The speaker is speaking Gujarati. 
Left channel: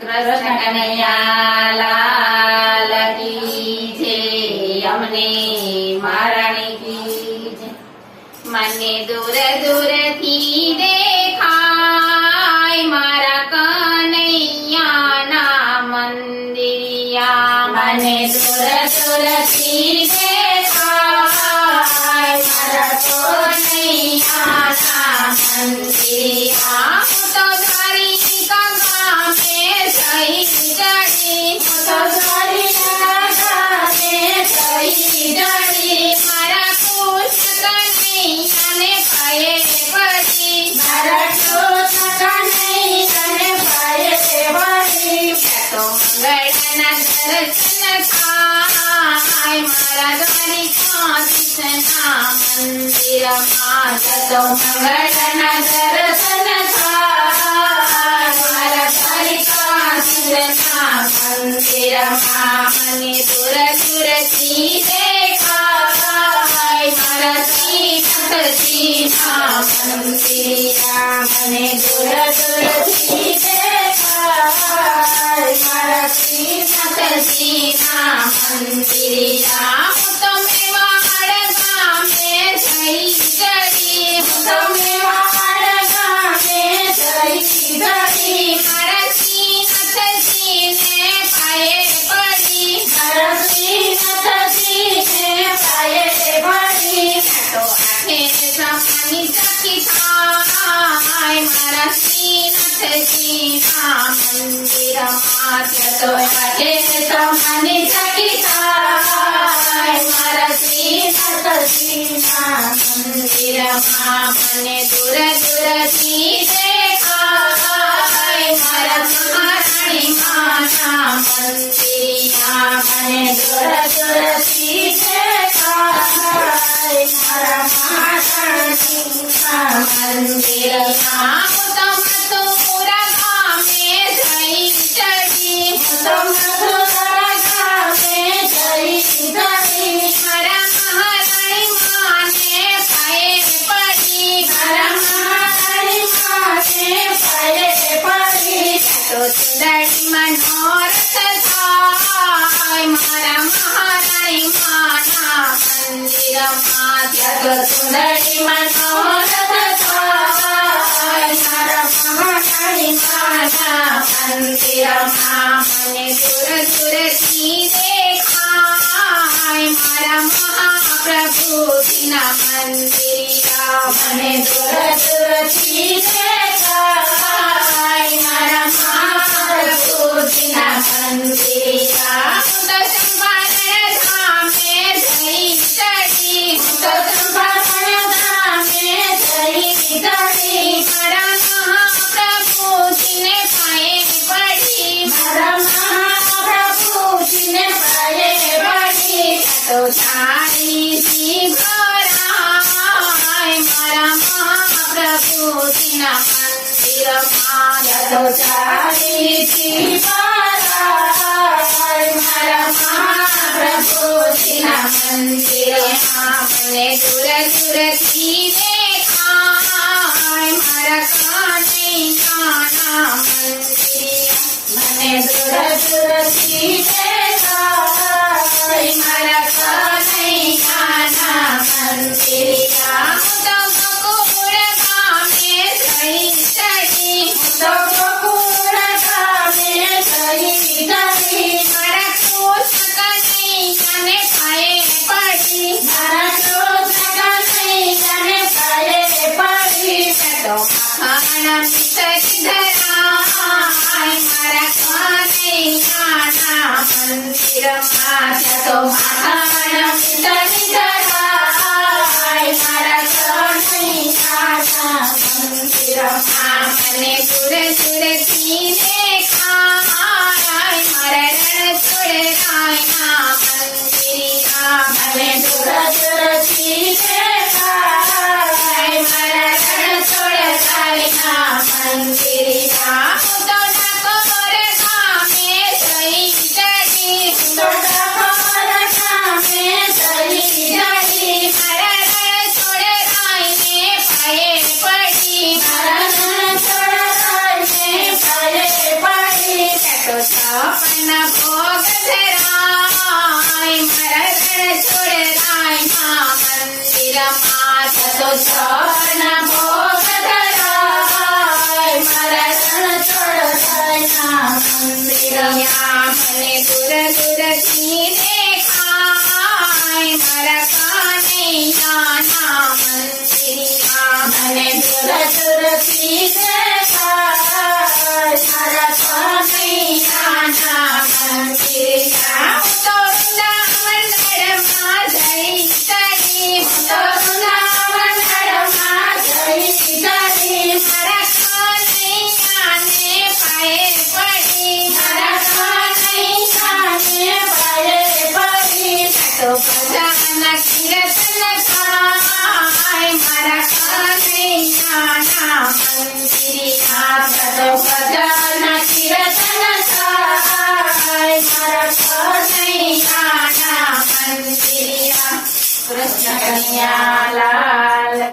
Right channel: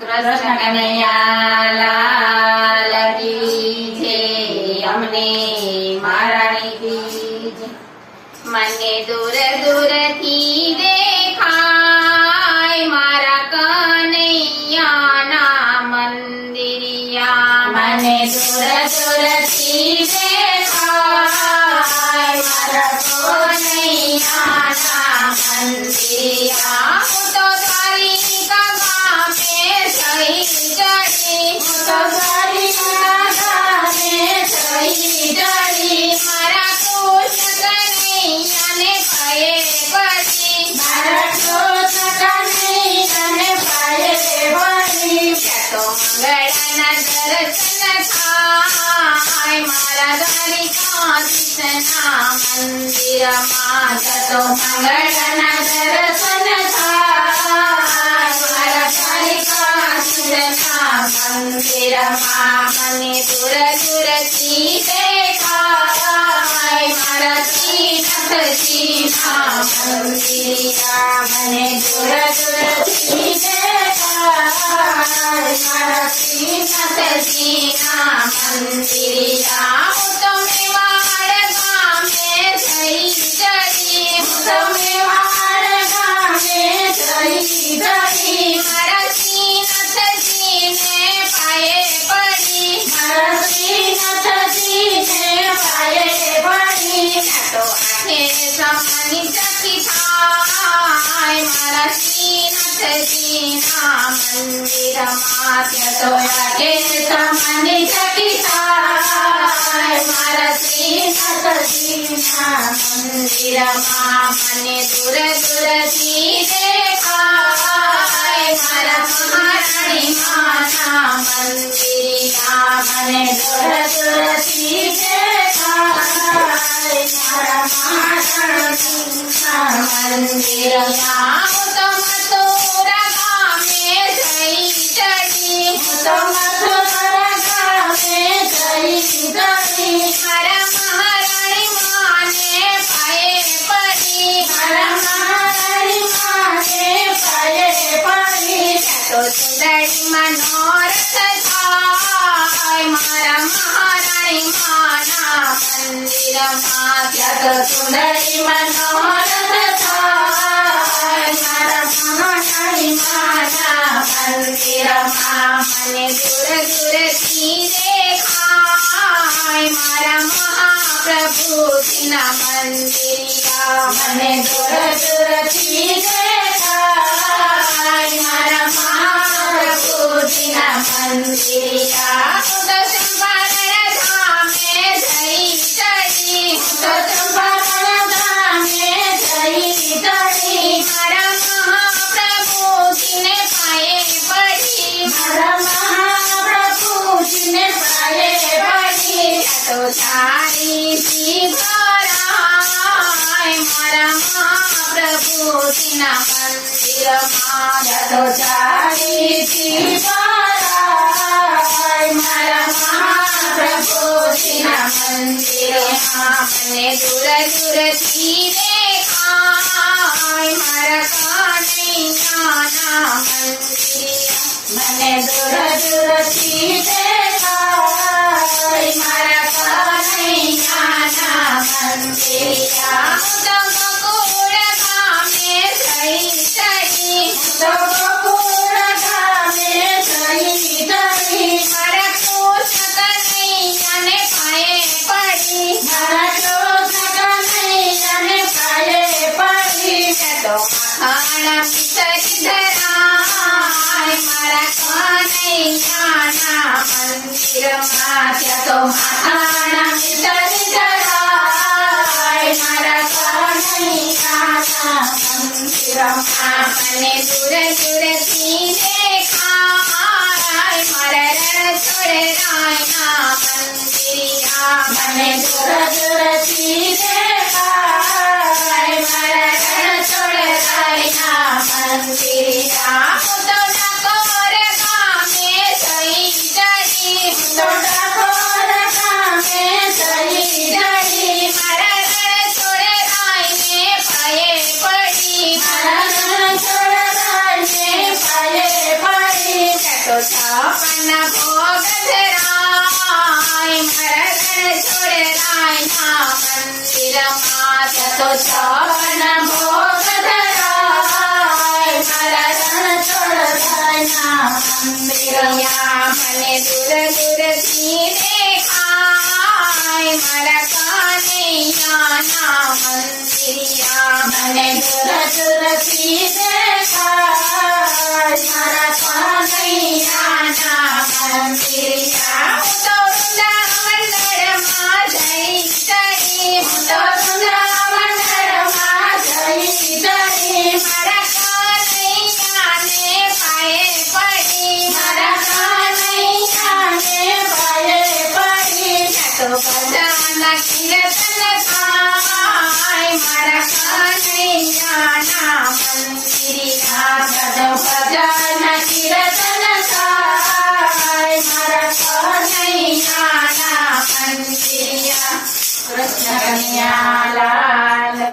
કૃષ્ણ કનૈયા લાલ કી જય, અમને મહારાણી કી જય. મને દૂર દૂરથી દેખાય મારા કનૈયાના મંદિરિયા. મને દૂર દૂરથી દેખાય મારા કનૈયાના મંદિરિયા. હું તો દ્વારિકા ગામે જઈ ચડી, હું તો દ્વારિકા ગામે જઈ ચડી. મારા કૃષ્ણ કનૈયાને પાયે પડી, મારા કૃષ્ણ કનૈયાને પાયે પડી. તો મંગળના દર્શન થાય મારા દ્વારિકાધીશના મંદિરમાં. તો મંગળના દર્શન થાય મારા દ્વારિકાધીશના મંદિરમાં. મને દૂર દૂરથી દેખાય મારા શ્રીનાથજીના મંદિરિયા. મને દૂર દૂરથી દેખાય મારા શ્રીનાથજીના મંદિરિયા. હું તો મેવાડ ગામે જઈ ચડી, હું તો મેવાડ ગામે જઈ ચડી. મારા શ્રીનાથજીને પાયે પડી, મારા શ્રીનાથજીને પાયે પડી. તો આઠે સમાની સખી થાય મારા શ્રીનાથજીના મંદિરમાં. તો આઠે સમાની સખી થાય મારા શ્રીનાથજીના મંદિરમાં. મને દૂર દૂરથી દેખાય મારા મહારાણી માના મંદિરિયા. મને દૂર દૂરથી દેખાય મારા મહારાણીના મંદિરિયા. હું તો મથુરા ગામે જઈ ચડી, હું તો મથુરા ગામે જઈ ચડી. મારા મહારાણી માને પાયે પડી, મારા મહારાણી માને પાયે પડી. તો ચુંદડીમાં નોરત થાય મારા મહારાણી માના મંદિરમાં. તો ચુંદડીમાં નોરત થાય મારા મહારાણી માના મંદિરમાં. મને દૂર દૂરથી દેખાય મારા મહાપ્રભુજીના મંદિરિયા. મને દૂર દૂરથી દેખાય મારા મહાપ્રભુજીના મંદિરિયા. હું તો ચંપારણ ધામે જઈ ચડી, હું તો ચંપારણ ધામે જઈ ચડી. મારા મહાપ્રભુજીને પાયે પડી, મારા મહાપ્રભુજીને પાયે પડી. તો ચારીથી ભરાય મારા મહાપ્રભુજીના મંદિરમાં. તો ચારીથી ભરાય મારા મહાપ્રભુજીના મંદિરમાં. મને દૂર દૂરથી દેખાય મારા કનૈયાના મંદિરિયા. મને દૂર દૂરથી દેખાય મારા કનૈયાના મંદિરિયા. હું તો ગોકુળ ગામે જઈ ચડી, હું તો ગોકુળ ગામે જઈ ચડી. મારા કૃષ્ણ કનૈયાને પાયે પડી, મારા કૃષ્ણ કનૈયાને પાયે પડી. તો માખણ મિસરી ધરાય મારા કનૈયાના મંદિરમાં. તો માખણ મિસરી ધરાય મારા કનૈયાના મંદિરમાં. મને દૂર દૂરથી દેખાય મારા રણછોડરાયના મંદિરિયા. મને દૂર દૂરથી દેખાય મારા રણછોડરાયના મંદિરિયા. હું તો ડાકોર ગામે જઈ ચડી, હું તો ડાકોર ગામે જઈ ચડી. મારા રણછોડરાયને પાયે પડી, મારા રણછોડરાય છપ્પન ભોગ ધરાય મારા રણછોડરાયના મંદિરમાં તો છપ્પન ભોગ ધરાય મારા રણછોડરાયના મંદિરમાં મને દૂર દૂરથી દેખાય મારા કાનૈયાના મંદિરમાં મને દૂર દૂરથી દેખાય મારા કાનૈયાના મંદિરમાં હું તો વૃંદાવનમાં જઈ કરી હું તો વૃંદાવનમાં જઈ કરી મારા કાનૈયાને પાયે પડી મારા કાનૈયાને પાયે પડી તો બધાના કીર્તન થાય મારા કાનૈયાના મંદિરમાં બધાના કીર્તન થાય મારા કાનૈયાના મંદિરમાં કૃષ્ણ કનૈયા લાલ